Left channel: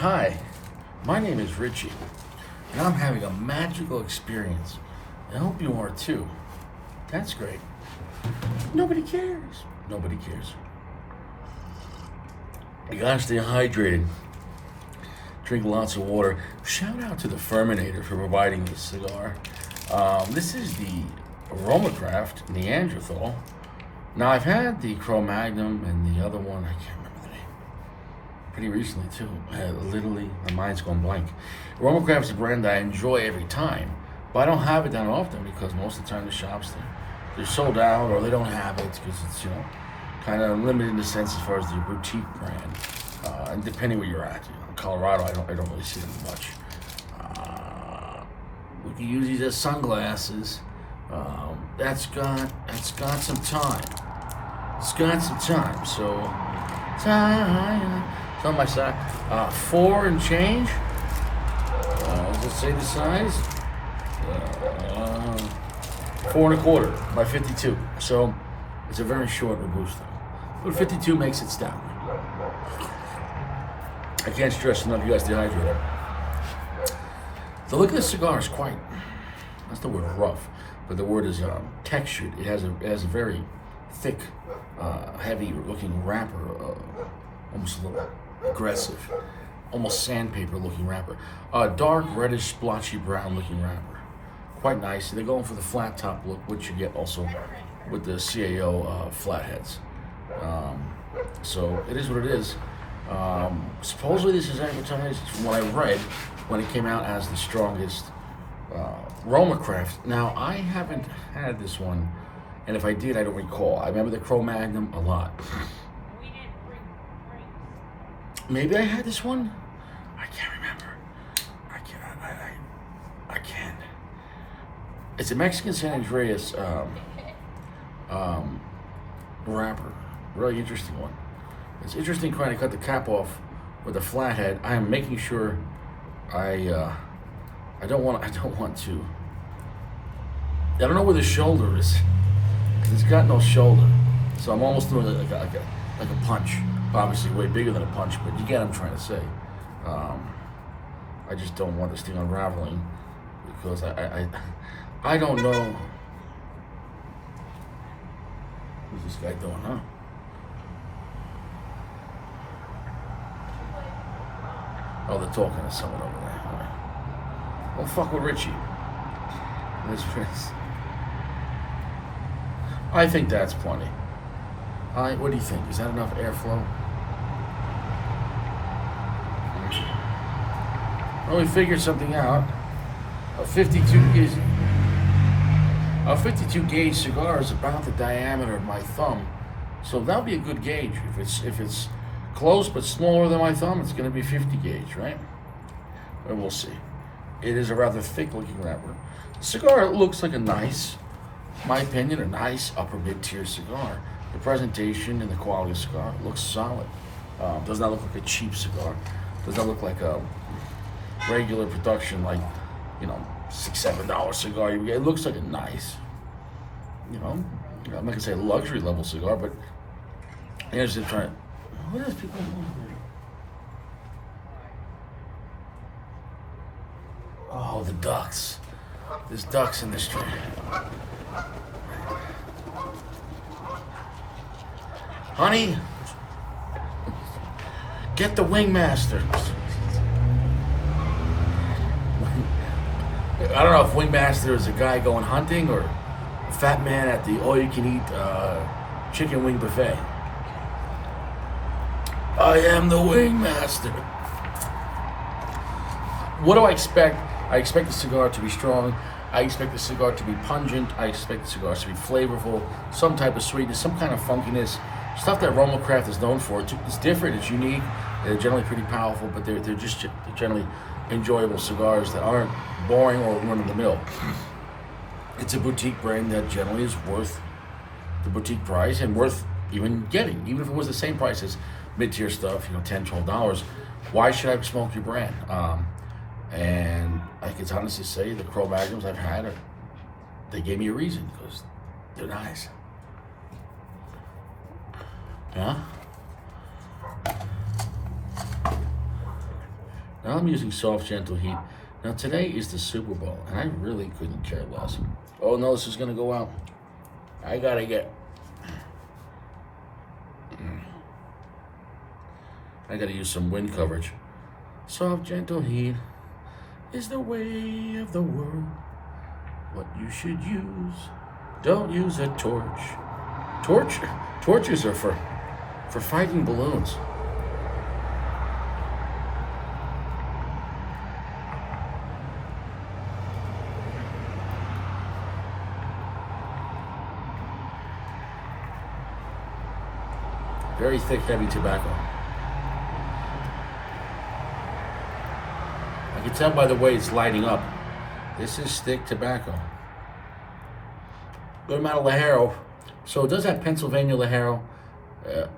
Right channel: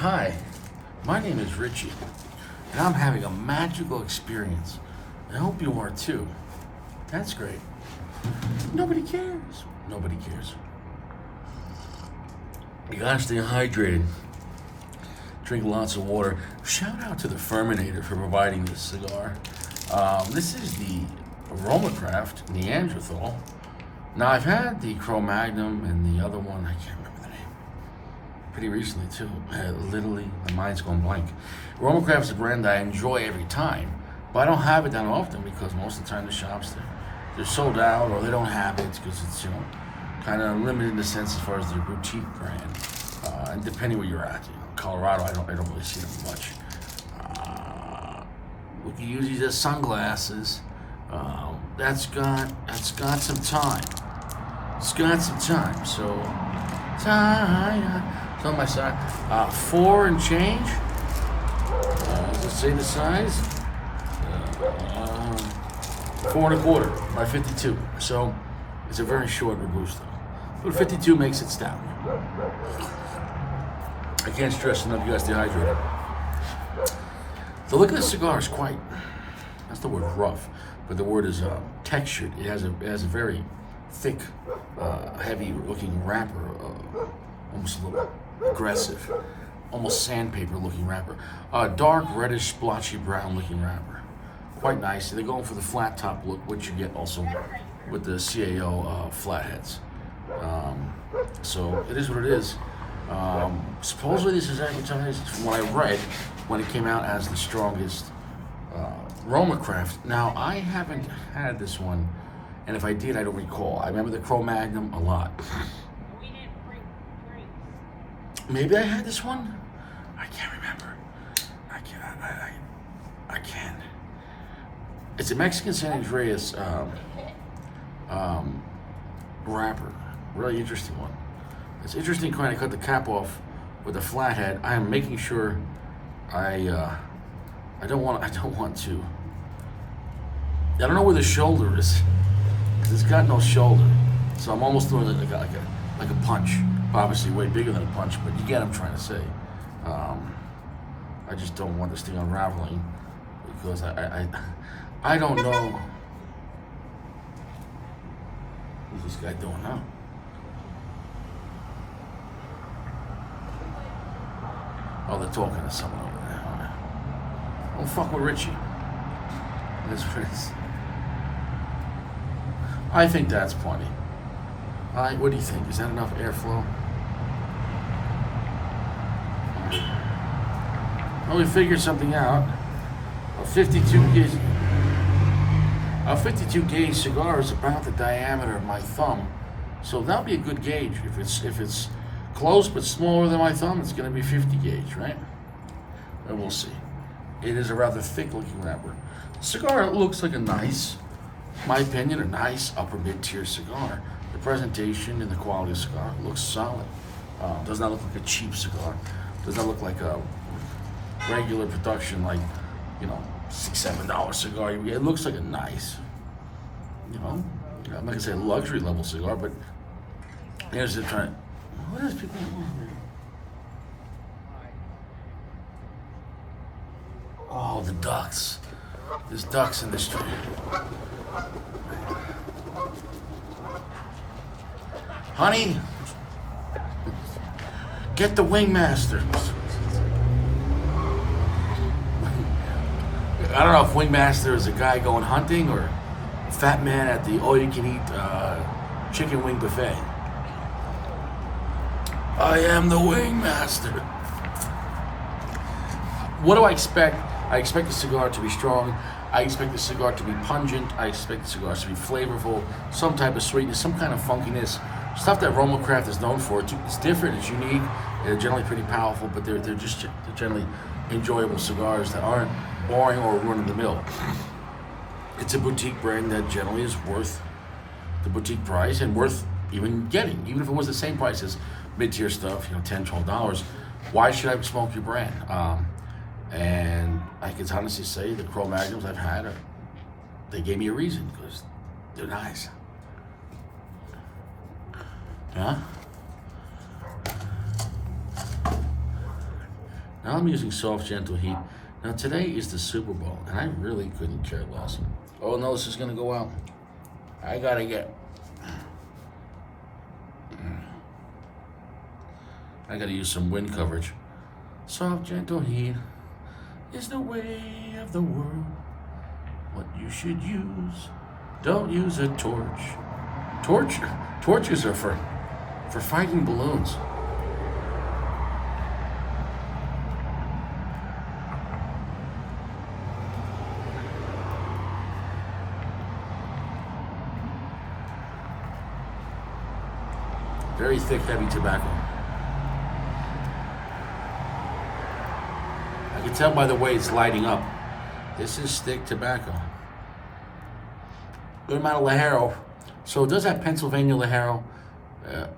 Hi, my name is Richie, and I'm having a magical experience. I hope you are too. That's great. Nobody cares. Nobody cares. You gotta stay hydrated. Drink lots of water. Shout out to the Ferminator for providing this cigar. This is the Roma Neanderthal. Now I've had the Cro-Magnum and the other one, I can't remember the name, pretty recently too. Literally, my mind's going blank. Roma is a brand I enjoy every time, but I don't have it that often because most of the time the shops, they're sold out or they don't have it because it's, kind of limited in the sense as far as the boutique brand. And depending where you're at, Colorado, I don't really see them much. We can use these as sunglasses. That's got some time. It's got some time. So time. It's on my side. 4 and change. Let's say the size. 4 1/4 by 52. So it's a very short Robusto. But 52 makes it stout. I can't stress enough, you guys dehydrated. The look of the cigar is quite, that's the word rough, but the word is textured. It has a very thick, heavy looking wrapper, almost a little aggressive, almost sandpaper looking wrapper. Dark reddish splotchy brown looking wrapper. Quite nice. They're going for the flat top look, which you get also with the CAO flatheads. So it is what it is. Supposedly this is advertised, from what I read, when it came out as the strongest Roma craft. Now, I haven't had this one, and if I did, I don't recall. I remember the Cro-Magnum a lot. Maybe I had this one? I can't remember. I can't. It's a Mexican San Andreas wrapper. Really interesting one. It's interesting trying to cut the cap off with a flathead. I am making sure I don't want to. I don't know where the shoulder is. It's got no shoulder, so I'm almost doing it like a punch. Obviously, way bigger than a punch, but you get what I'm trying to say. I just don't want this thing unraveling because I don't know. What's this guy doing, huh? Oh, they're talking to someone over there. Okay. Well, fuck with Richie. I think that's plenty. What do you think? Is that enough airflow? Well, we figured something out. A 52 gauge cigar is about the diameter of my thumb, so that'll be a good gauge. If it's close but smaller than my thumb, it's going to be 50 gauge, right? And we'll see. It is a rather thick looking wrapper. The cigar looks like in my opinion, a nice upper mid-tier cigar. The presentation and the quality of the cigar looks solid. Does not look like a cheap cigar. Does not look like a regular production, like, $6-7 cigar. It looks like a nice, I'm not gonna say a luxury level cigar, but here's the trying. What is people doing? Oh, the ducks. There's ducks in the street. Honey, get the wingmaster. I don't know if wingmaster is a guy going hunting or a fat man at the all-you-can-eat chicken wing buffet. I am the wingmaster. What do I expect? I expect the cigar to be strong. I expect the cigar to be pungent. I expect the cigars to be flavorful, some type of sweetness, some kind of funkiness. Stuff that Roma Craft is known for. It's different, it's unique. They're generally pretty powerful, but they're generally enjoyable cigars that aren't boring or run-of-the-mill. It's a boutique brand that generally is worth the boutique price and worth even getting. Even if it was the same price as mid-tier stuff, $10, $12, why should I smoke your brand? And I can honestly say the Cro-Magnums I've had, they gave me a reason because they're nice. Huh? Now I'm using soft, gentle heat. Now today is the Super Bowl, and I really couldn't care less. Oh no, this is gonna go out. I gotta use some wind coverage. Soft, gentle heat is the way of the world. What you should use. Don't use a torch. Torches are for fighting balloons. Very thick, heavy tobacco. I can tell by the way it's lighting up. This is stick tobacco. Good amount of Lajero. So it does have Pennsylvania Lajero,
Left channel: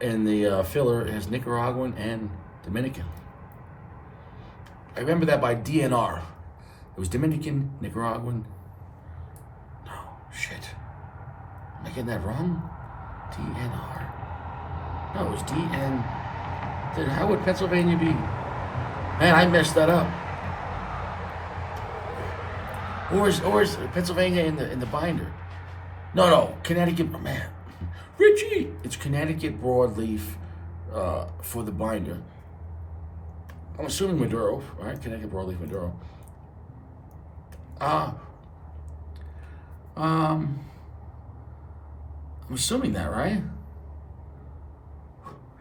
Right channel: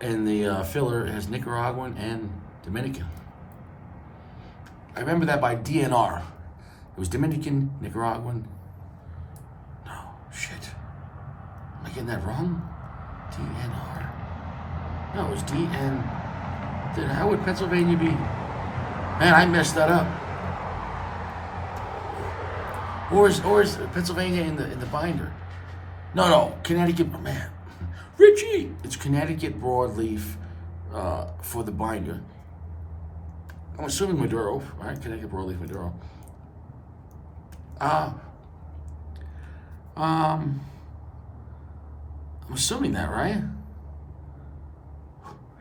and the filler has Nicaraguan and Dominican. I remember that by DNR. It was Dominican, Nicaraguan. No, shit. Am I getting that wrong? DNR. No, it was DN. Then how would Pennsylvania be? Man, I messed that up. Or is Pennsylvania in the binder? No, Connecticut, man. Richie! It's Connecticut broadleaf for the binder. I'm assuming Maduro, right? Connecticut broadleaf Maduro. I'm assuming that, right?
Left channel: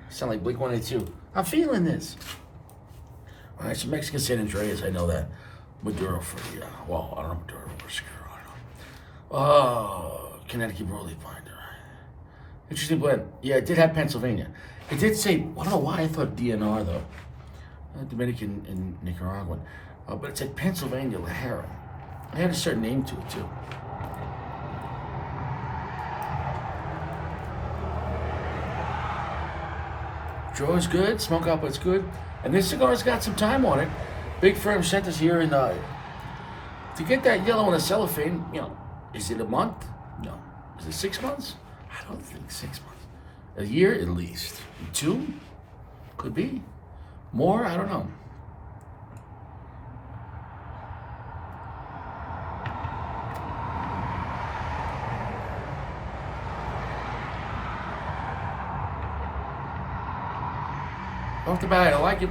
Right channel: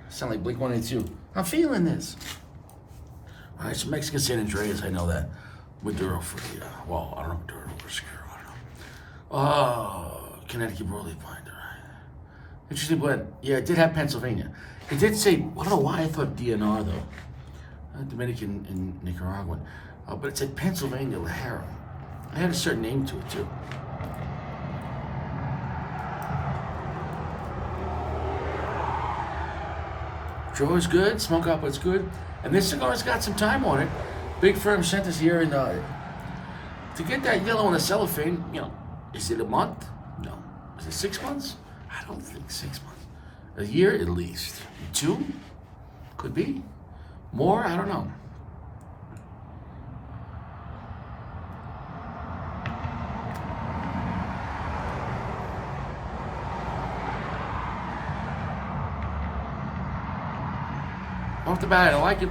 Sound like Blink-182. I'm feeling this. All right, so Mexican San Andreas, I know that. Maduro for the, well, I don't know Maduro for Seguro, I don't know. Connecticut broadleaf binder. Interesting blend. Yeah, it did have Pennsylvania. It did say, I don't know why I thought DNR though. Dominican and Nicaraguan. But it said Pennsylvania Lajero. It had a certain name to it too. Joe's good, smoke output's good. And this cigar's got some time on it. Big Firm sent us here, and to get that yellow in the cellophane, is it a month? No. Is it 6 months? I don't think 6 months. A year at least. 2? Could be. More? I don't know. Off the bat, I like it.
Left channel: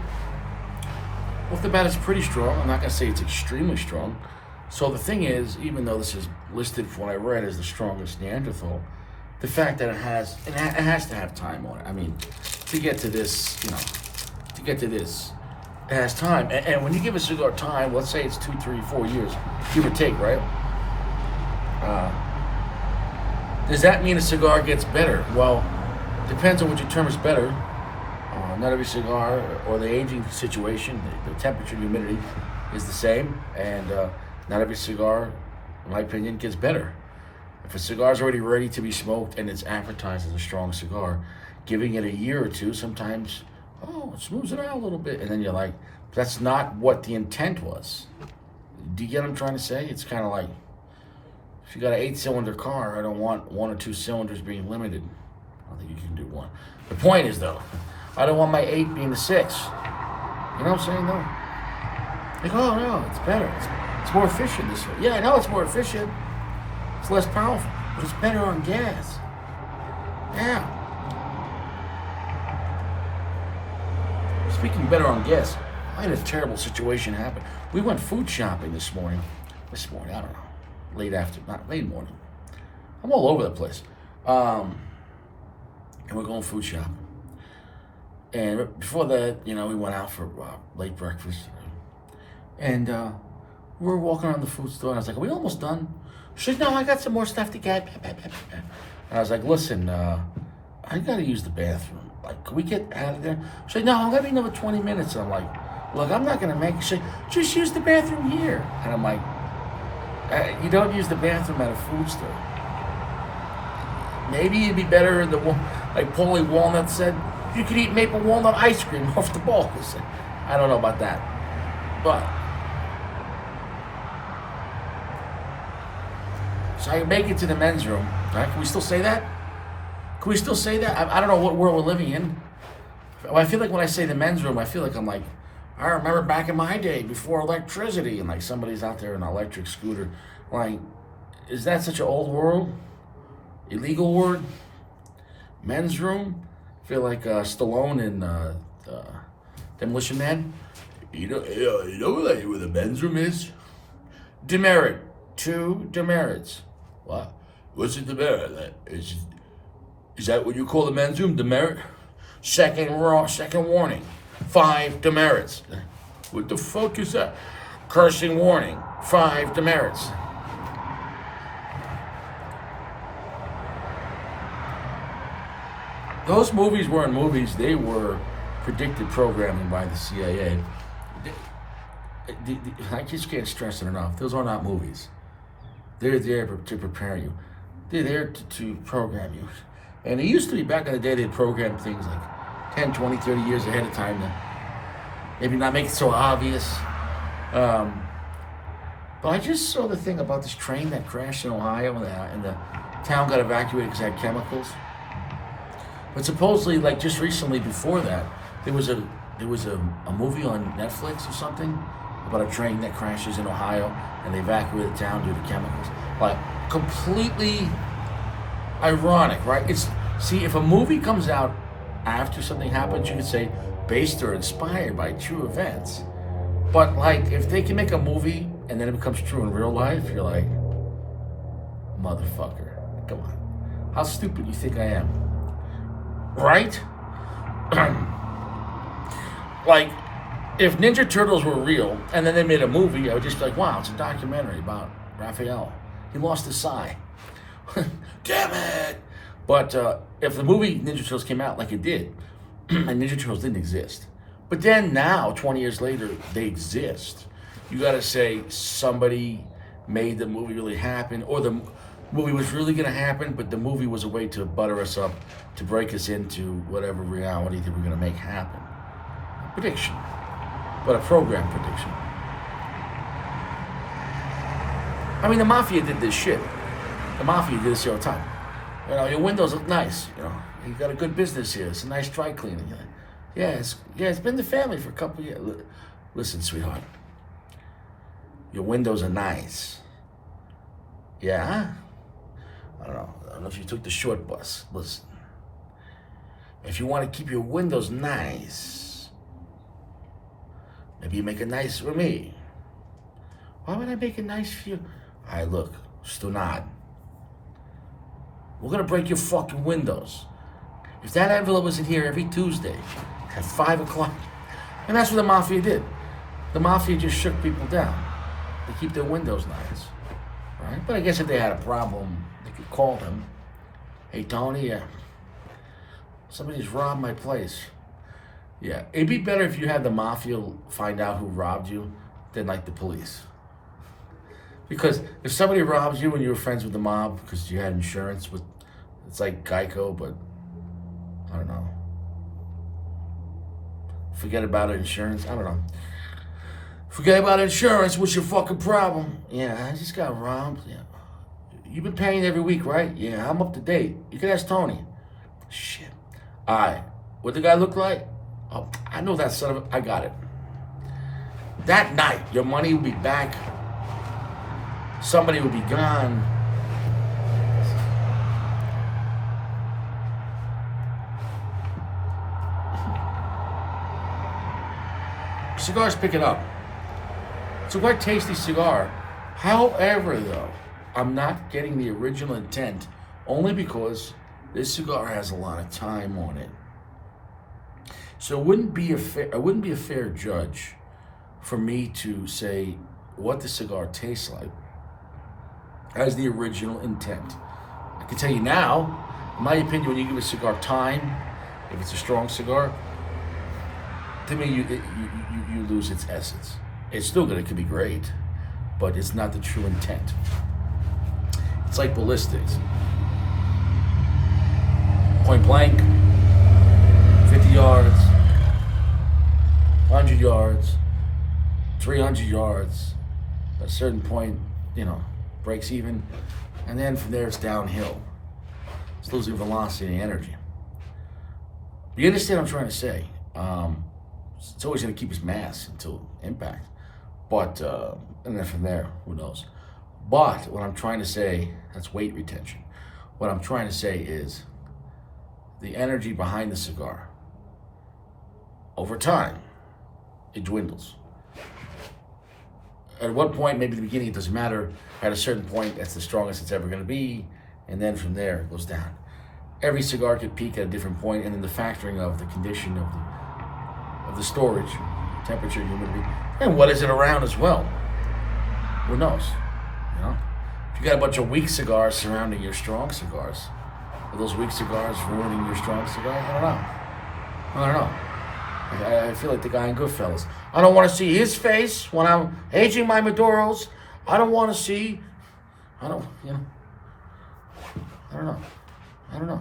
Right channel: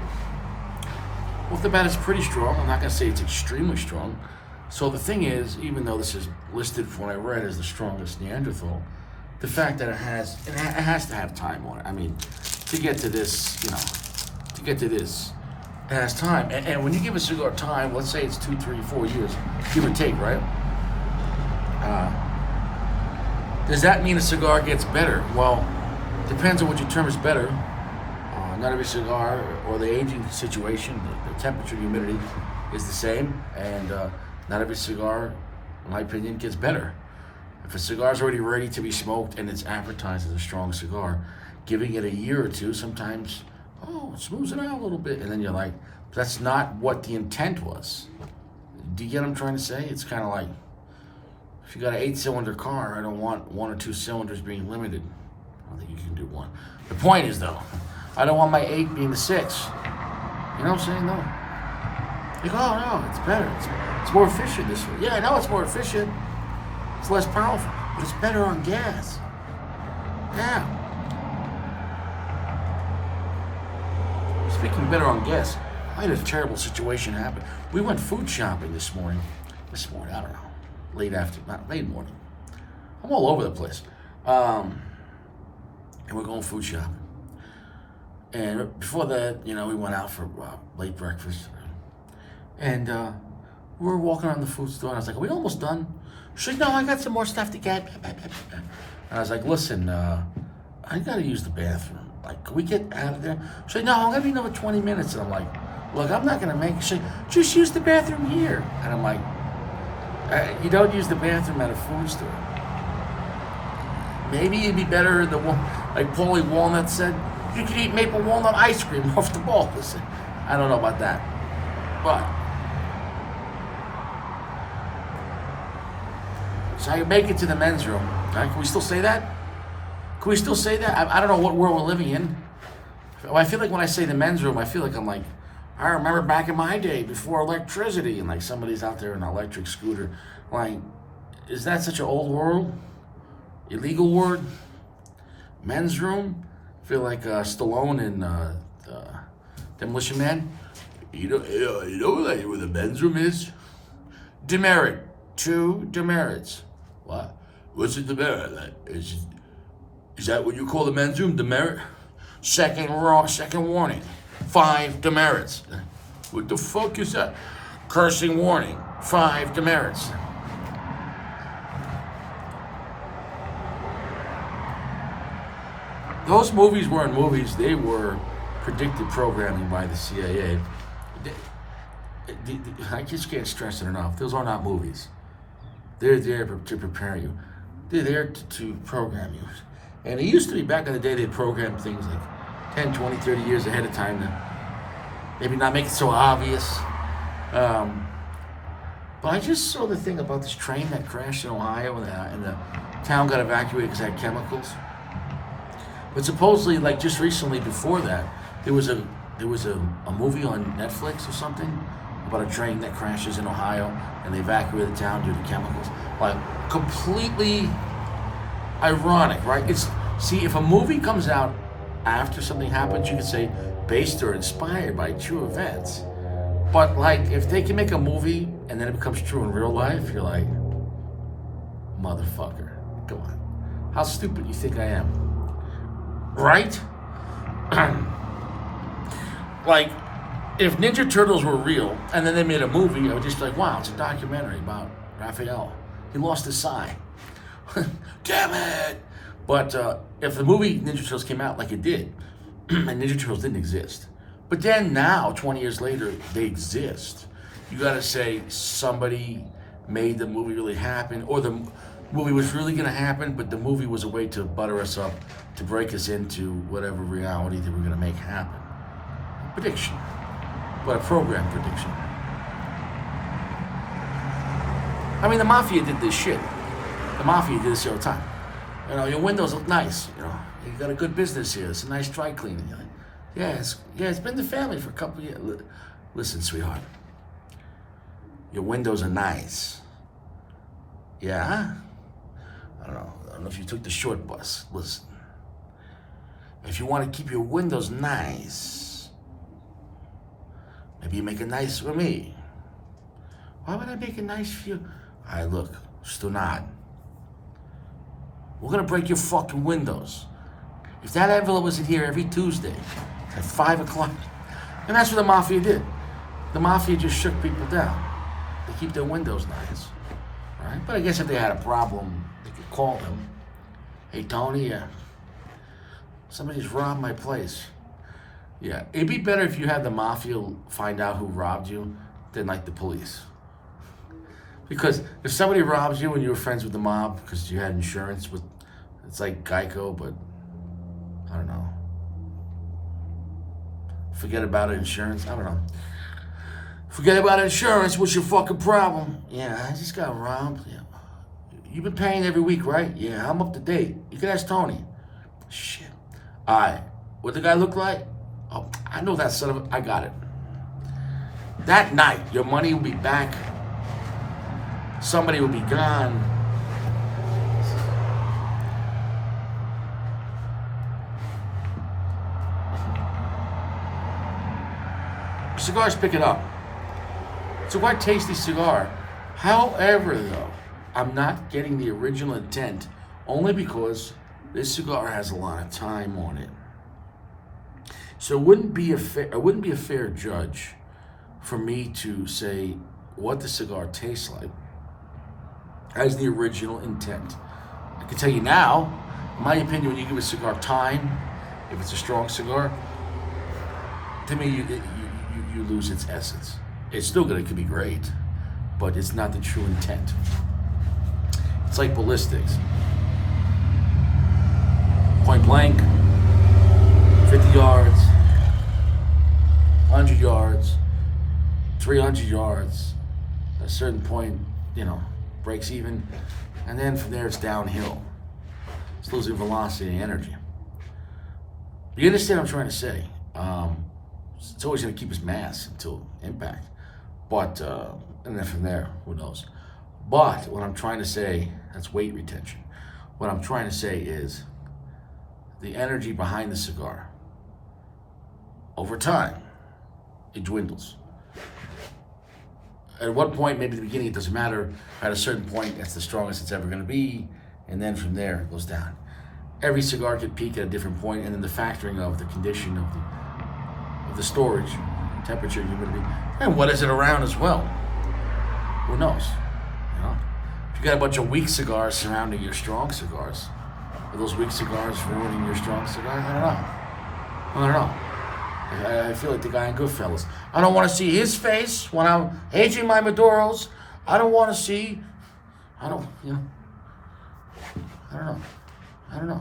Off the bat, it's pretty strong. I'm not going to say it's extremely strong. So the thing is, even though this is listed for what I read as the strongest Neanderthal, the fact that it has to have time on it. I mean, to get to this, it has time. And when you give a cigar time, let's say it's 2, 3, 4 years, give or take, right? Does that mean a cigar gets better? Well, depends on what you term as better. Not every cigar or the aging situation, the temperature and humidity is the same, and not every cigar, in my opinion, gets better. If a cigar is already ready to be smoked and it's advertised as a strong cigar, giving it a year or two, sometimes, it smooths it out a little bit, and then you're like, that's not what the intent was. Do you get what I'm trying to say? It's kind of like, if you got an 8-cylinder car, I don't want 1 or 2 cylinders being limited. I don't think you can do 1. The point is, though, I don't want my 8 being the 6. You know what I'm saying, though? Like, oh, no, it's better. It's more efficient this way. Yeah, I know it's more efficient. It's less powerful, but it's better on gas. Yeah. Speaking better on gas, I had a terrible situation happen. We went food shopping this morning. I don't know. Not late morning. I'm all over the place. And we're going food shopping. And before that, we went out for late breakfast. And we were walking around the food store, and I was like, are we almost done? She's like, no, I got some more stuff to get. And I was like, listen, I got to use the bathroom. Like, can we get out of there? She's like, no, I'm going to be another 20 minutes. And I'm like, look, I'm not going to make it. She's like, just use the bathroom here. And I'm like, you don't use the bathroom at a food store. Maybe it'd be better, like Paulie Walnut said, you could eat maple walnut ice cream off the balls. I don't know about that. But, so I make it to the men's room. Right? Can we still say that? I don't know what world we're living in. I feel like when I say the men's room, I feel like I'm like, I remember back in my day before electricity, and like somebody's out there in an electric scooter. Like, is that such an old world? Illegal word? Men's room? I feel like Stallone in Demolition Man. You know like where the men's room is? Demerit. 2 demerits. What? What's a demerit? Like, is that what you call the men's room? Demerit? Second warning. 5 demerits. What the fuck is that? Cursing warning. 5 demerits. Those movies weren't movies. They were predicted programming by the CIA. I just can't stress it enough. Those are not movies. They're there to prepare you. They're there to program you. And it used to be back in the day, they'd program things like 10, 20, 30 years ahead of time to maybe not make it so obvious. But I just saw the thing about this train that crashed in Ohio and the town got evacuated because it had chemicals. But supposedly, like just recently before that, there was a movie on Netflix or something about a train that crashes in Ohio and they evacuate the town due to chemicals. Like, completely ironic, right? See, if a movie comes out after something happens, you could say based or inspired by true events. But like, if they can make a movie and then it becomes true in real life, you're like, motherfucker, come on. How stupid you think I am? Right? Like, if Ninja Turtles were real and then they made a movie, I would just be like, wow, it's a documentary about Raphael. He lost his eye. Damn it! But if the movie Ninja Turtles came out like it did, and Ninja Turtles didn't exist, but then now, 20 years later, they exist, you gotta say somebody made the movie really happen, or the movie was really gonna happen, but the movie was a way to butter us up, to break us into whatever reality that we're gonna make happen. Prediction, but a program prediction. I mean, the Mafia did this shit. The Mafia did this all the time. You know, your windows look nice. You know, you got a good business here. It's a nice dry cleaning. You're like, it's been the family for a couple of years. Listen, sweetheart, your windows are nice. Yeah? I don't know if you took the short bus. Listen, if you want to keep your windows nice, maybe you make it nice for me. Why would I make it nice for you? All right, look, still not. We're gonna break your fucking windows. If that envelope was in here every Tuesday at 5 o'clock, and that's what the Mafia did. The Mafia just shook people down. They keep their windows nice, right? But I guess if they had a problem, they could call them. Hey, Tony, somebody's robbed my place. Yeah, it'd be better if you had the Mafia find out who robbed you than like the police. Because if somebody robs you when you were friends with the mob because you had insurance with, it's like Geico, but I don't know. Forget about insurance. I don't know. Forget about insurance. What's your fucking problem? Yeah, I just got robbed. Yeah. You've been paying every week, right? Yeah, I'm up to date. You can ask Tony. Shit. All right. What the guy look like? Oh, I know that son of a... I got it. That night, your money will be back. Somebody will be gone. Cigars pick it up. It's a quite tasty cigar. However, though, I'm not getting the original intent only because this cigar has a lot of time on it. So it wouldn't be a fair judge for me to say what the cigar tastes like as the original intent. I can tell you now, in my opinion, when you give a cigar time, if it's a strong cigar, to me, you lose its essence. It's still good, it could be great, but it's not the true intent. It's like ballistics. Point blank, 50 yards, 100 yards, 300 yards, at a certain point, breaks even, and then from there it's downhill. It's losing velocity and energy. You understand what I'm trying to say? It's always going to keep his mass until impact. But, and then from there, who knows? But what I'm trying to say, that's weight retention. What I'm trying to say is the energy behind the cigar, over time, it dwindles. At what point, maybe at the beginning, it doesn't matter. At a certain point, that's the strongest it's ever going to be. And then from there, it goes down. Every cigar could peak at a different point, and then the factoring of the condition of the storage, temperature, humidity, and what is it around as well. Who knows? You know, if you got a bunch of weak cigars surrounding your strong cigars, are those weak cigars ruining your strong cigar? I don't know. I feel like the guy in Goodfellas. I don't want to see his face when I'm aging my Maduros. I don't want to see. I don't know.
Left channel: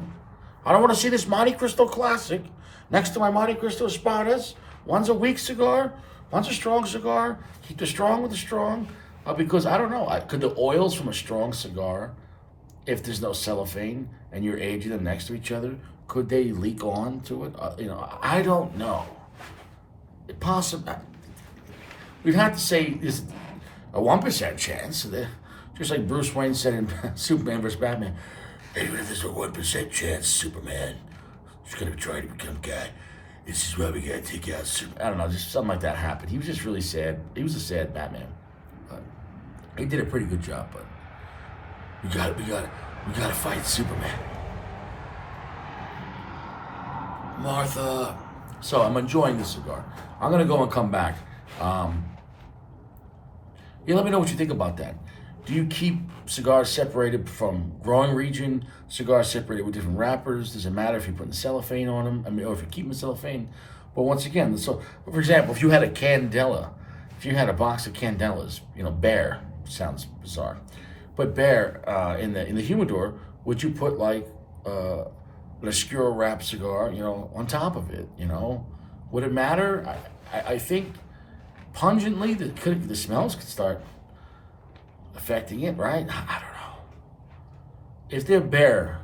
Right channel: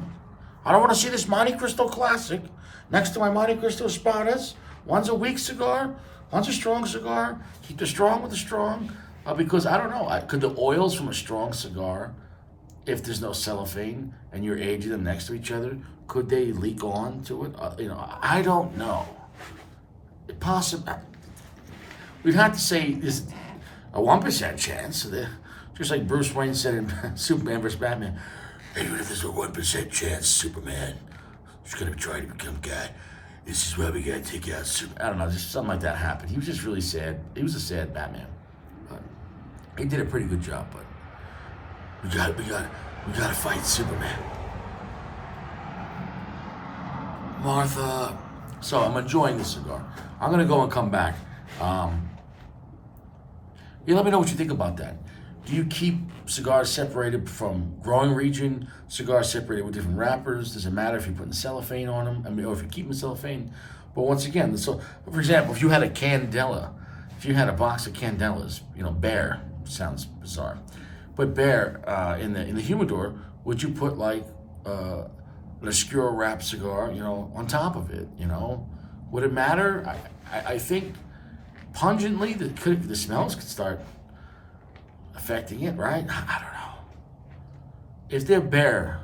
I don't want to see this Monte Cristo Classic next to my Monte Cristo Espadas. One's a weak cigar, one's a strong cigar. Keep the strong with the strong. Because I don't know. Could the oils from a strong cigar, if there's no cellophane and you're aging them next to each other, could they leak on to it? I don't know. Possible. We'd have to say there's a 1% chance. Just like Bruce Wayne said in Superman vs. Batman. Even if there's a 1% chance Superman is going to try to become God, this is why we got to take out Superman. I don't know, just something like that happened. He was just really sad. He was a sad Batman. But he did a pretty good job, but we got to fight Superman. Martha. So I'm enjoying this cigar. I'm going to go and come back. Let me know what you think about that. Do you keep cigars separated from growing region, cigars separated with different wrappers? Does it matter if you're putting cellophane on them? Or if you're keeping cellophane? But once again, so for example, if you had a Candela, if you had a box of Candelas, Bear, sounds bizarre, but Bear in the humidor, would you put like an obscure wrap cigar, on top of it? Would it matter? I think pungently the smells could start affecting it, right? I don't know. If they're bare,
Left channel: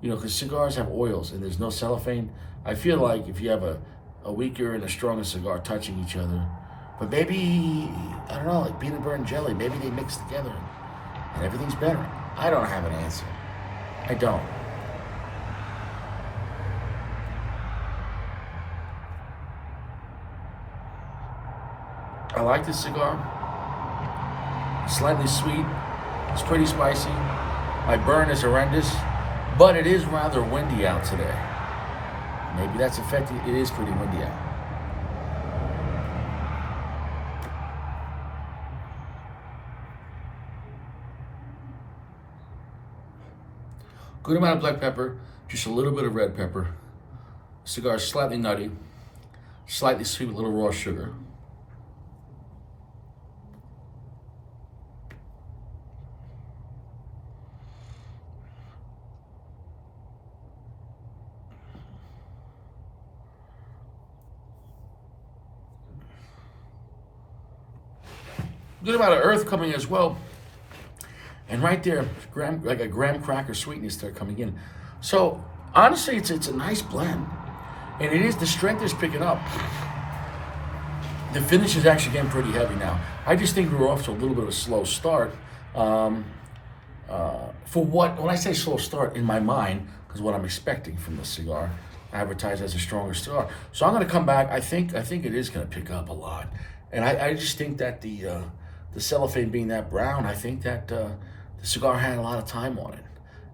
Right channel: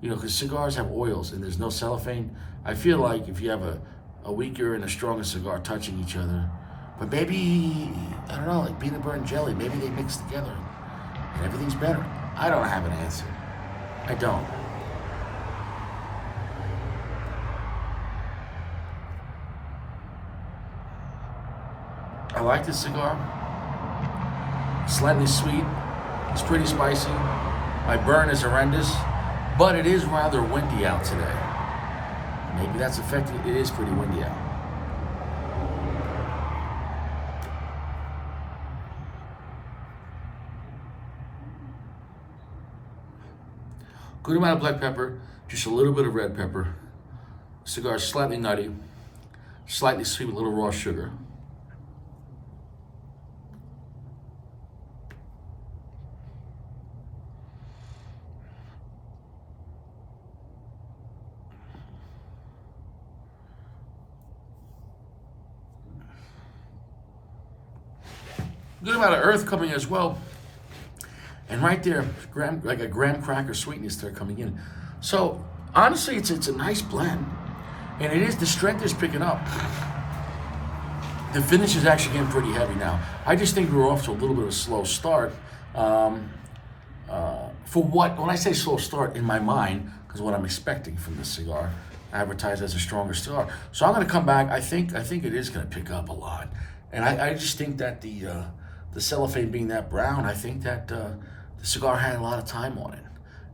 because cigars have oils and there's no cellophane, I feel like if you have a weaker and a stronger cigar touching each other, but maybe, I don't know, like peanut butter and jelly, maybe they mix together and everything's better. I don't have an answer. I don't. I like this cigar. Slightly sweet. It's pretty spicy. My burn is horrendous, but it is rather windy out today. Maybe that's affecting. It is pretty windy out. Good amount of black pepper, just a little bit of red pepper. Cigar is slightly nutty, slightly sweet with a little raw sugar. Good amount of earth coming as well. And right there, like a graham cracker sweetness there coming in. So honestly, it's a nice blend. And the strength is picking up. The finish is actually getting pretty heavy now. I just think we were off to a little bit of a slow start. When I say slow start, in my mind, because what I'm expecting from this cigar, advertised as a stronger cigar. So I'm going to come back. I think it is going to pick up a lot. And I just think that the cellophane being that brown, I think that the cigar had a lot of time on it.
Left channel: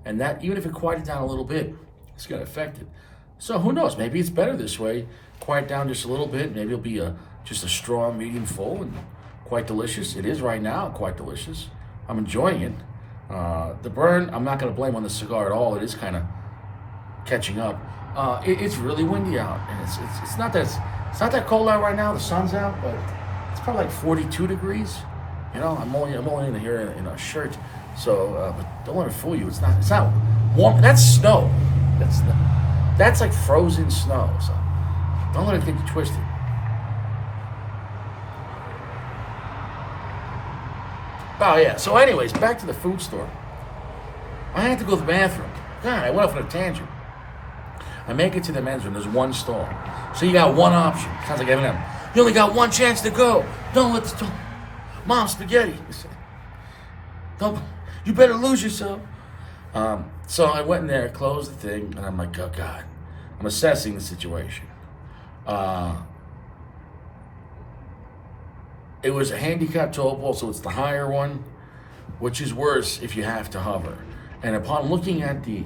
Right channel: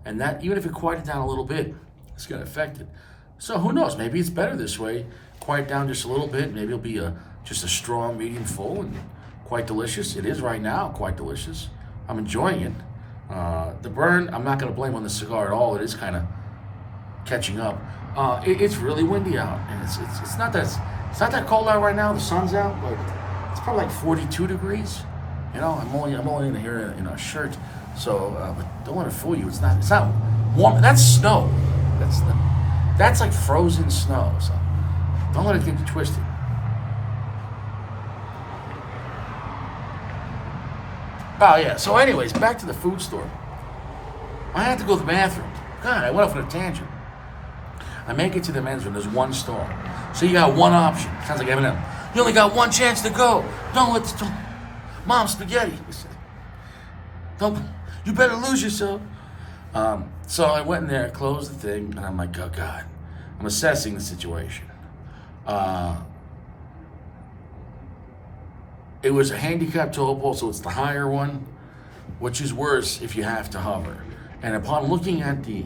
And that, even if it quieted down a little bit, it's going to affect it. So who knows? Maybe it's better this way. Quiet down just a little bit. Maybe it'll be just a strong, medium full, and quite delicious. It is right now quite delicious. I'm enjoying it. The burn, I'm not going to blame on the cigar at all. It is kind of catching up. It's really windy out, and it's not that cold out right now. The sun's out, but it's probably like 42 degrees. I'm only in here in a shirt, so but don't let it fool you. It's not warm. That's snow. That's like frozen snow. So don't let it get you twisted. Oh yeah. So anyways, back to the food store. I had to go to the bathroom. God, I went off on a tangent. I make it to the men's room. There's one stall. So you got one option. Sounds like Eminem. You only got one chance to go. Don't. Mom, spaghetti. Don't. You better lose yourself. So I went in there, closed the thing, and I'm like, oh God. I'm assessing the situation. It was a handicapped toilet bowl, so it's the higher one, which is worse if you have to hover. And upon looking at the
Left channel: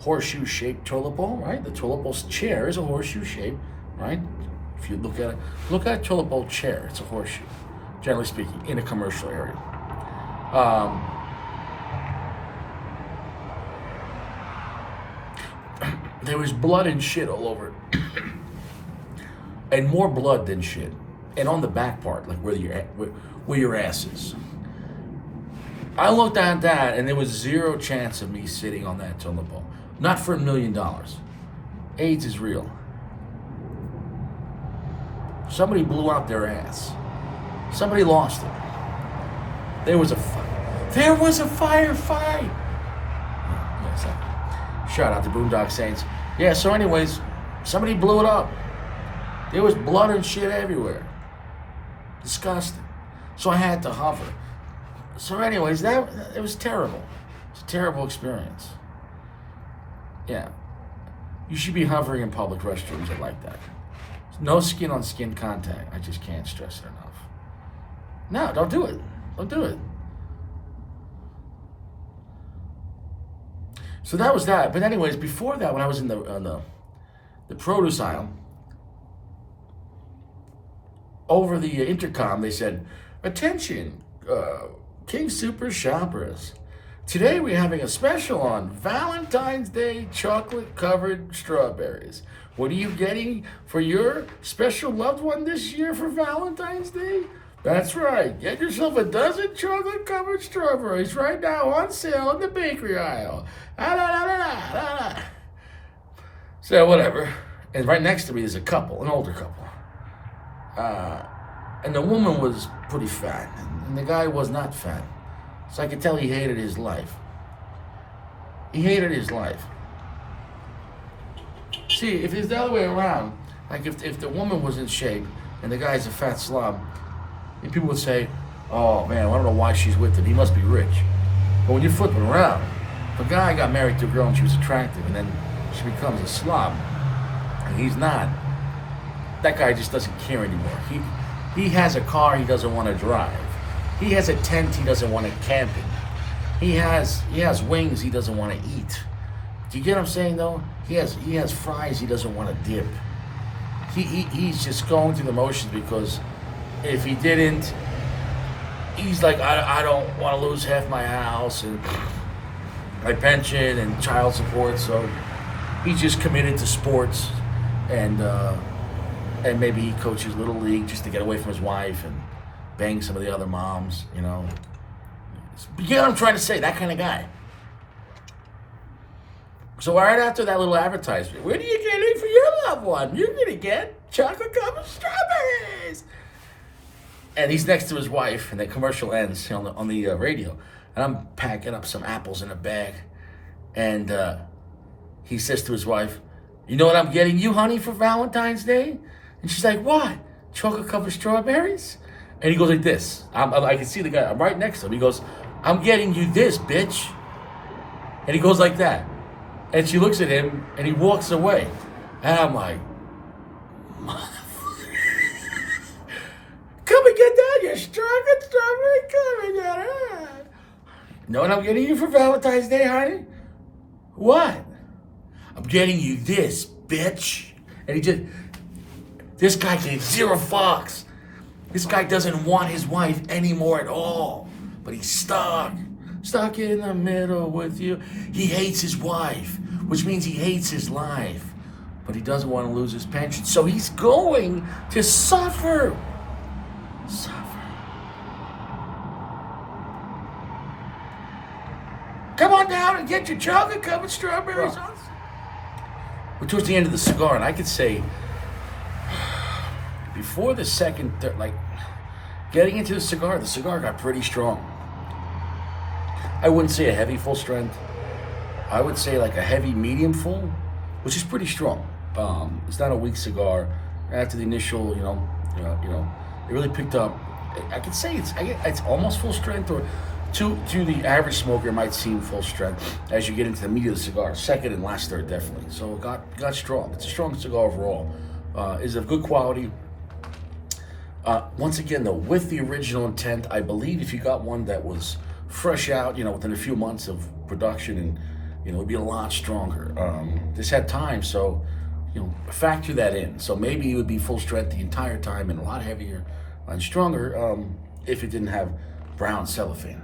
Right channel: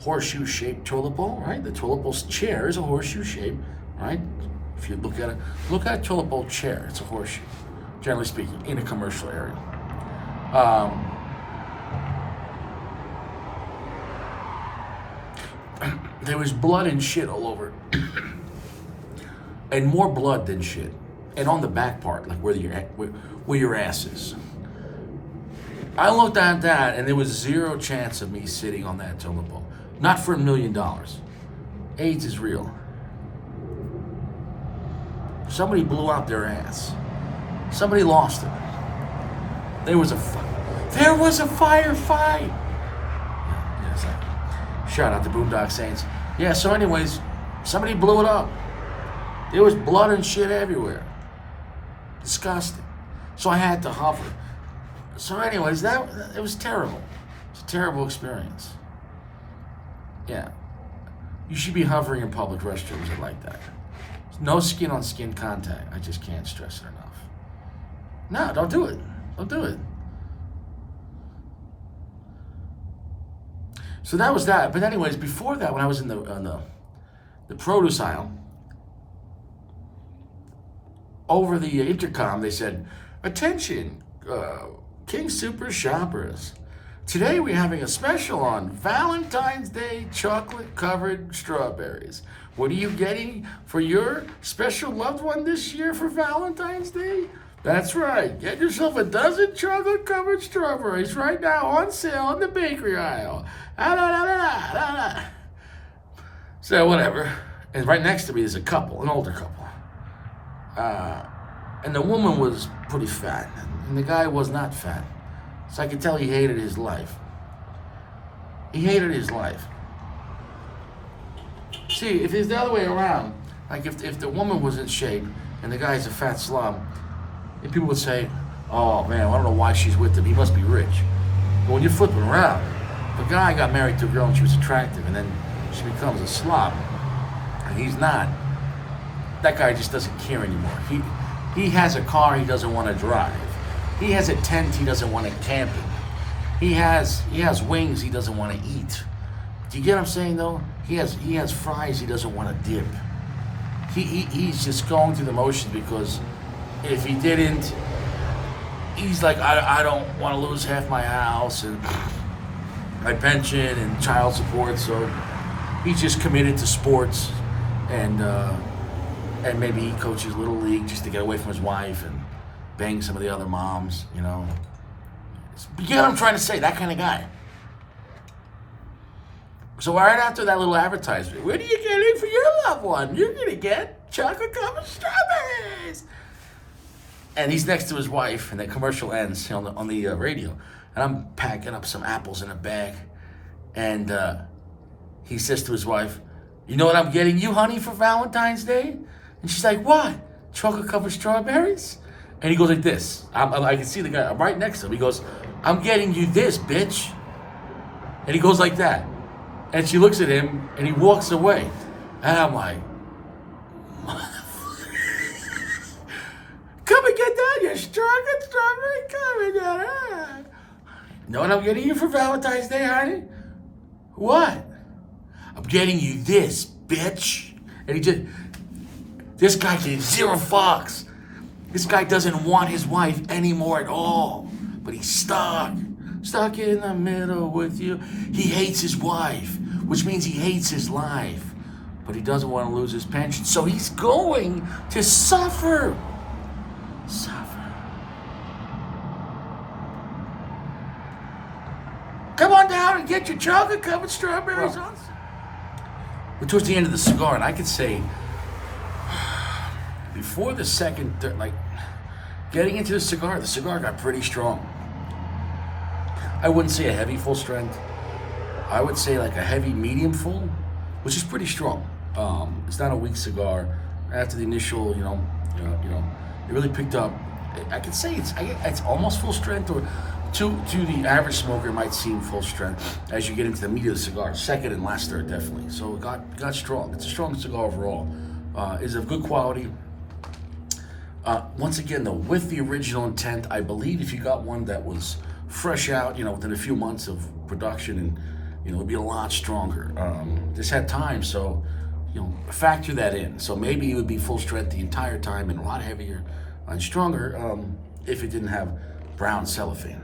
horseshoe-shaped toilet bowl, right? The toilet bowl chair is a horseshoe shape, right? If you look at a toilet bowl chair, it's a horseshoe, generally speaking, in a commercial area. There was blood and shit all over it. And more blood than shit. And on the back part, like where your ass is. I looked at that, and there was zero chance of me sitting on that toilet bowl. Not for $1 million. AIDS is real. Somebody blew out their ass. Somebody lost it. There was a firefight. Yes, shout out to Boondock Saints. Yeah, so anyways, somebody blew it up. There was blood and shit everywhere. Disgusting. So I had to hover. So anyways, it was terrible. It's a terrible experience. Yeah. You should be hovering in public restrooms like that. No skin on skin contact. I just can't stress it enough. No, don't do it. Don't do it. So that was that. But anyways, before that, when I was in the produce aisle, over the intercom, they said, "Attention, King Super shoppers. Today we're having a special on Valentine's Day chocolate-covered strawberries. What are you getting for your special loved one this year for Valentine's Day? That's right. Get yourself a dozen chocolate-covered strawberries right now on sale in the bakery aisle." So whatever. And right next to me is a couple, an older couple. And the woman was pretty fat, and the guy was not fat. So I could tell he hated his life. He hated his life. See, if it's the other way around, like if the woman was in shape and the guy's a fat slob, and people would say, "Oh man, I don't know why she's with him. He must be rich." But when you're flipping around, if a guy got married to a girl and she was attractive, and then she becomes a slob, and he's not, that guy just doesn't care anymore. He has a car he doesn't want to drive. He has a tent he doesn't want to camp in. He has wings he doesn't want to eat. Do you get what I'm saying though? He has fries he doesn't want to dip. He's just going through the motions because if he didn't, he's like, I don't want to lose half my house and my pension and child support, so he's just committed to sports and maybe he coaches Little League just to get away from his wife and bang some of the other moms, you know. You get what I'm trying to say, that kind of guy. So right after that little advertisement, what are you getting for your loved one? You're going to get chocolate-covered strawberries. And he's next to his wife, and the commercial ends on the radio. And I'm packing up some apples in a bag. And he says to his wife, "You know what I'm getting you, honey, for Valentine's Day?" And she's like, "What? Chocolate-covered strawberries?" And he goes like this. I can see the guy. I'm right next to him. He goes, "I'm getting you this, bitch." And he goes like that. And she looks at him, and he walks away. And I'm like, motherfucker. Come and get that, you strawberry. Come and get it. You know what I'm getting you for Valentine's Day, honey? What? "I'm getting you this, bitch." And this guy gave zero fucks. This guy doesn't want his wife anymore at all. But he's stuck in the middle with you. He hates his wife, which means he hates his life. But he doesn't want to lose his pension, so he's going to suffer. Come on down and get your chocolate-covered strawberries. Well, we're towards the end of the cigar, and I could say, before the second, getting into the cigar got pretty strong. I wouldn't say a heavy full strength. I would say like a heavy medium full, which is pretty strong. It's not a weak cigar. after the initial, it really picked up. I could say it's almost full strength, or to the average smoker, it might seem full strength as you get into the meat of the cigar. Second and last third, definitely. So it got strong. It's a strong cigar overall. Is of good quality. Once again, though, with the original intent, I believe if you got one that was fresh out, within a few months of production, and it'd be a lot stronger. This had time, so factor that in. So maybe it would be full strength the entire time and a lot heavier and stronger if it didn't have brown cellophane.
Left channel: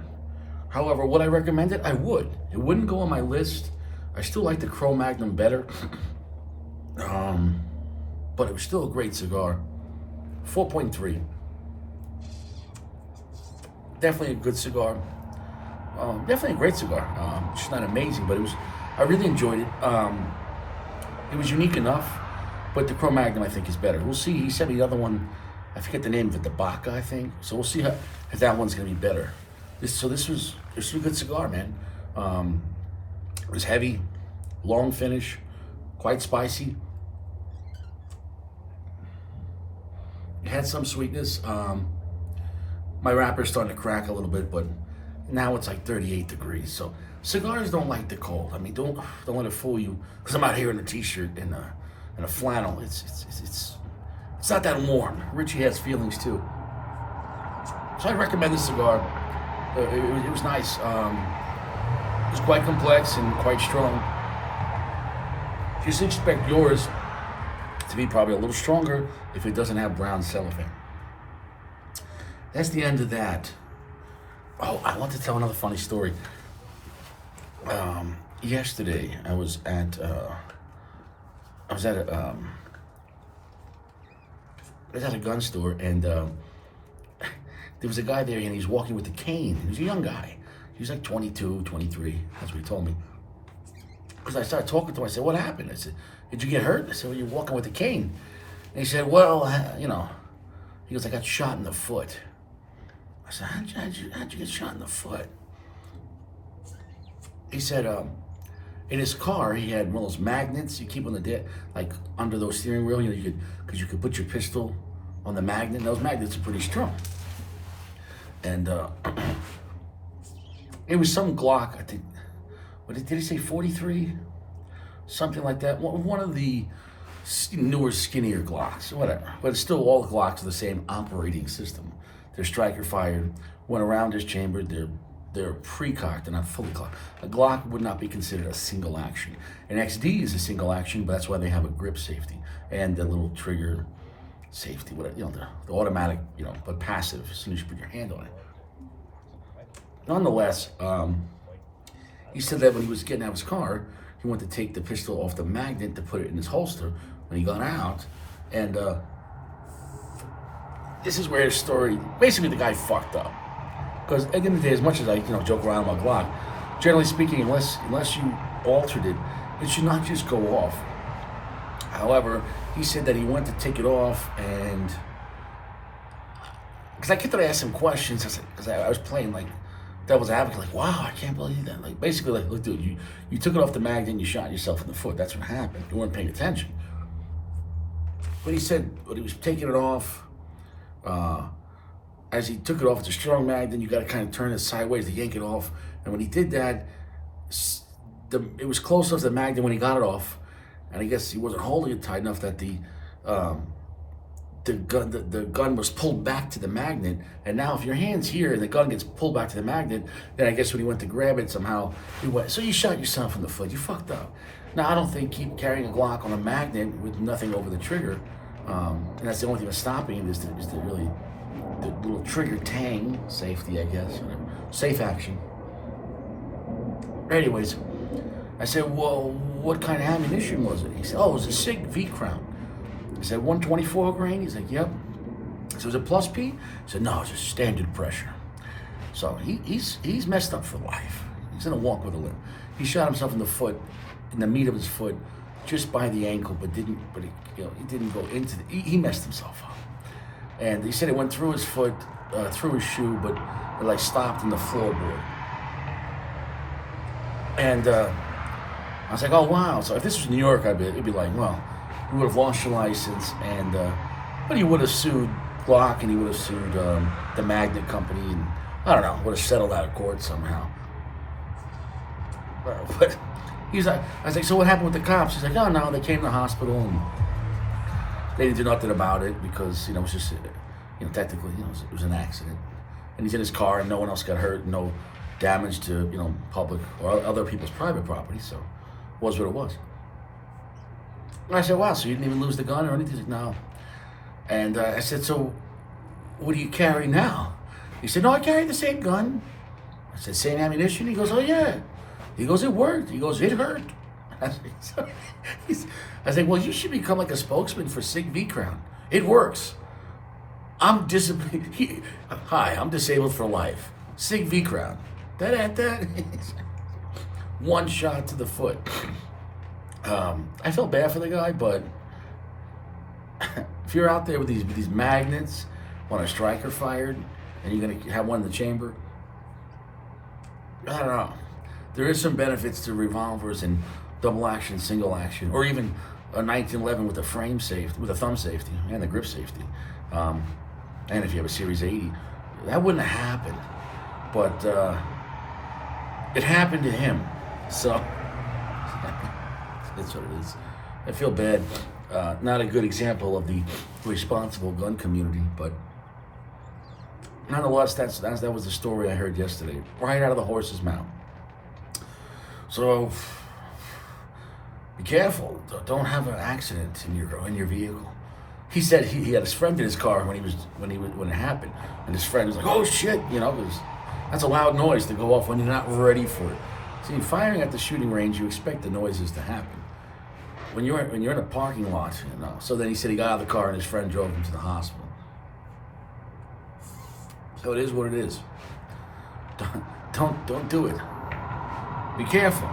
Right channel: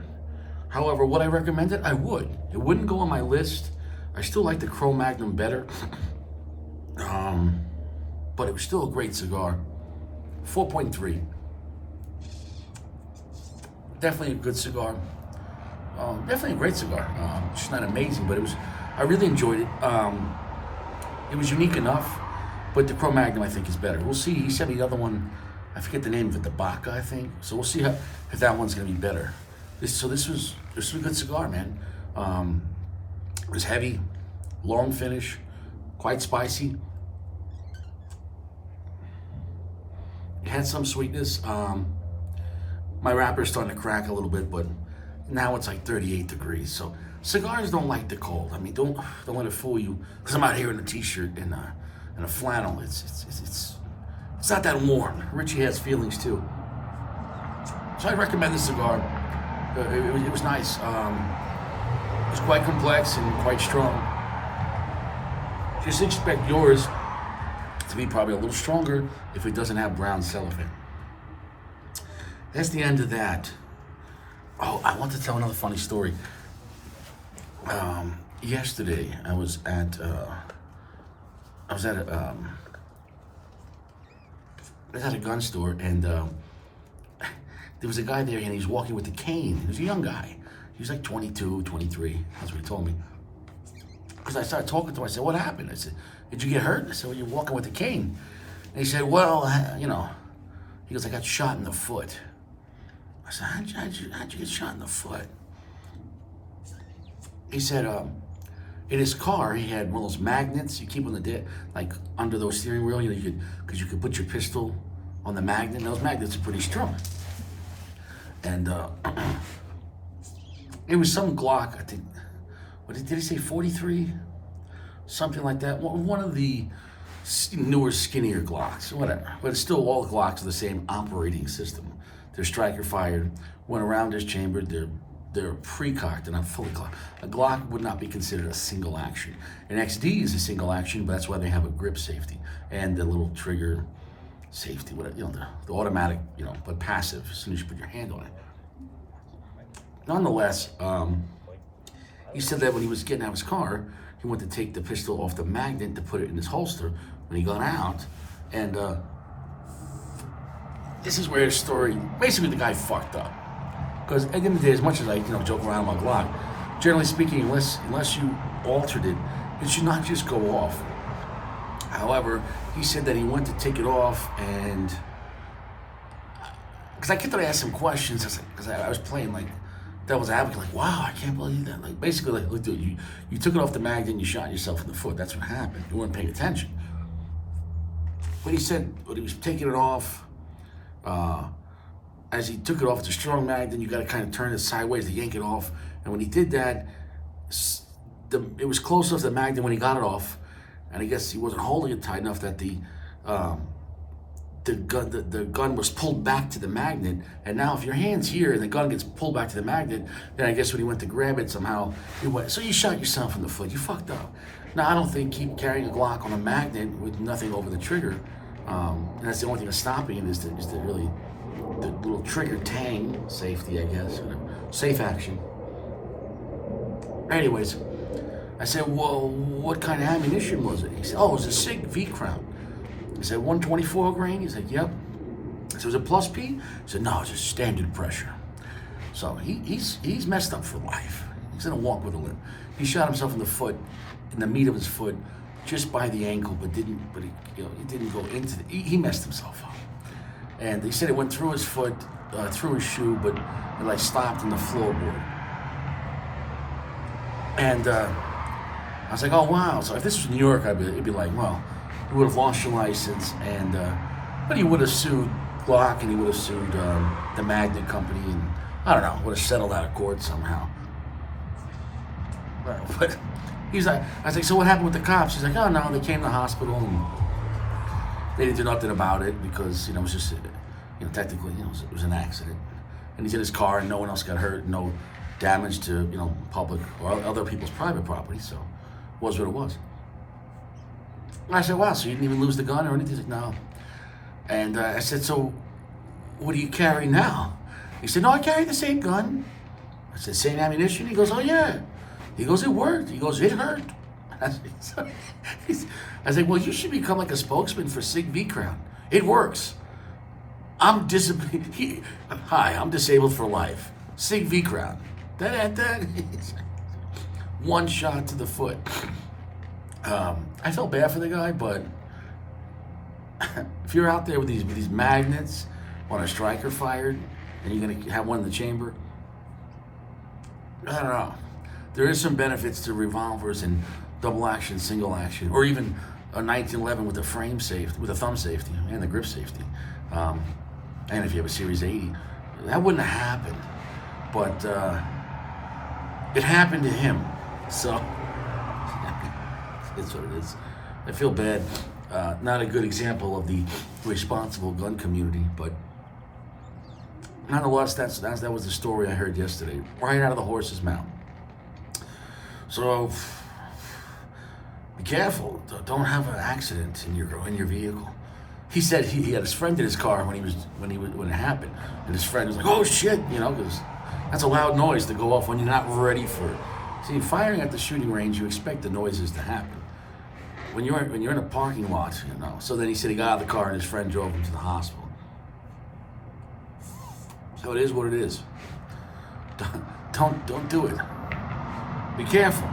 However, would I recommend it? I would. It wouldn't go on my list. I still like the Cro-Magnon better, but it was still a great cigar. 4.3. Definitely a good cigar. Definitely a great cigar. It's not amazing, but I really enjoyed it. It was unique enough, but the Cro-Magnon I think is better. We'll see. He sent me the other one. I forget the name of it, the Baca, I think. So we'll see if that one's gonna be better. This was a good cigar, man. It was heavy, long finish, quite spicy. It had some sweetness. My wrapper's starting to crack a little bit, but now it's like 38 degrees. So cigars don't like the cold. I mean, don't let it fool you. Because I'm out here in a t-shirt and a flannel. It's not that warm. Richie has feelings too. So I recommend this cigar. It was nice. It was quite complex and quite strong. Just expect yours to be probably a little stronger if it doesn't have brown cellophane. That's the end of that. Oh, I want to tell another funny story. Yesterday I was at a gun store, and there was a guy there, and he was walking with a cane. He was a young guy. He was like 22, 23. That's what he told me. Because I started talking to him. I said, "What happened?" I said, "Did you get hurt?" I said, "Well, you're walking with a cane." And he said, "Well, he goes, I got shot in the foot." I said, how'd you get shot in the foot? He said, in his car, he had one of those magnets you keep on the like under those steering wheel. Because you could put your pistol on the magnet. And those magnets are pretty strong. And it was some Glock, I think. What did he say? 43, something like that. One of the newer, skinnier Glocks, whatever. But it's still all Glocks are the same operating system. They're striker fired. When around is chambered, they're pre-cocked and not fully cocked. A Glock would not be considered a single action. An XD is a single action, but that's why they have a grip safety and the little trigger safety, whatever, the automatic, but passive as soon as you put your hand on it. Nonetheless, he said that when he was getting out of his car, he went to take the pistol off the magnet to put it in his holster when he got out, and this is where his story, basically the guy fucked up. Because at the end of the day, as much as I joke around about Glock, generally speaking, unless you altered it, it should not just go off. However, he said that he went to take it off, and because I kept on asking him questions, because I was playing like devil's advocate, like, wow, I can't believe that. Like, basically, like, look, dude, you took it off the magnet and you shot yourself in the foot. That's what happened. You weren't paying attention. But he said, when he was taking it off, as he took it off, it's a strong magnet. You got to kind of turn it sideways to yank it off. And when he did that, it was close enough to the magnet when he got it off. And I guess he wasn't holding it tight enough that the gun was pulled back to the magnet. And now if your hand's here and the gun gets pulled back to the magnet, then I guess when he went to grab it, somehow he went. So you shot yourself in the foot. You fucked up. Now, I don't think keep carrying a Glock on a magnet with nothing over the trigger. And that's the only thing that's stopping it is the little trigger tang safety, I guess. Safe action. Anyways, I said, well, what kind of ammunition was it? He said, oh, it was a SIG V-Crown. He said, 124 grain? He's like, yep. So was it plus P? He said, no, it's just standard pressure. So he's messed up for life. He's gonna walk with a limp. He shot himself in the foot, in the meat of his foot, just by the ankle, but he didn't go into he messed himself up. And he said it went through his foot, through his shoe, but it like stopped in the floorboard. And I was like, oh wow. So if this was New York, it'd be like, well, you would have lost your license, and but he would have sued Glock, and he would have sued the magnet company, and I don't know, would have settled out of court somehow. But he's like, I was like, so what happened with the cops? He's like, oh no, they came to the hospital and they didn't do nothing about it because it was just, technically, it was an accident. And he's in his car and no one else got hurt, no damage to public or other people's private property. So it was what it was. And I said, wow, so you didn't even lose the gun or anything? He's like, no. And I said, so what do you carry now? He said, no, I carry the same gun. I said, same ammunition? He goes, oh yeah. He goes, it worked. He goes, it hurt. I was like, well, you should become like a spokesman for Sig V Crown. It works. I'm disabled. Hi, I'm disabled for life. Sig V Crown. That. One shot to the foot. I felt bad for the guy, but if you're out there with these magnets, want a striker fired, and you're gonna have one in the chamber, I don't know. There is some benefits to revolvers and double action, single action, or even a 1911 with a frame safety, with a thumb safety and the grip safety. And if you have a Series 80, that wouldn't have happened. But it happened to him, so it's what it is. I feel bad. Not a good example of the responsible gun community, but nonetheless, that was the story I heard yesterday, right out of the horse's mouth. So be careful. Don't have an accident in your vehicle. He said he had his friend in his car when it happened, and his friend was like, "Oh shit," because that's a loud noise to go off when you're not ready for it. See, firing at the shooting range, you expect the noises to happen. When you're in a parking lot, So then he said he got out of the car and his friend drove him to the hospital. So it is what it is. Don't do it. Be careful.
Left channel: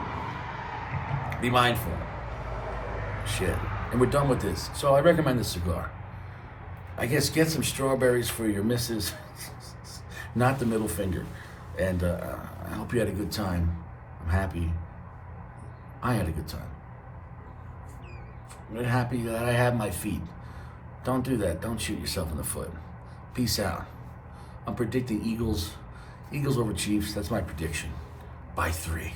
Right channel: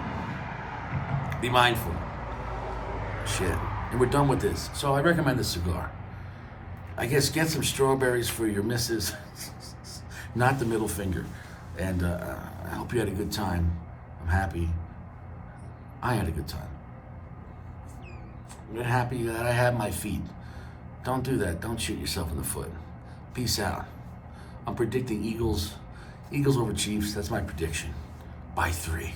Be mindful. Shit. And we're done with this. So I recommend this cigar. I guess get some strawberries for your missus, not the middle finger. And I hope you had a good time. I'm happy. I had a good time. I'm happy that I have my feet. Don't do that. Don't shoot yourself in the foot. Peace out. I'm predicting Eagles over Chiefs. That's my prediction. By 3.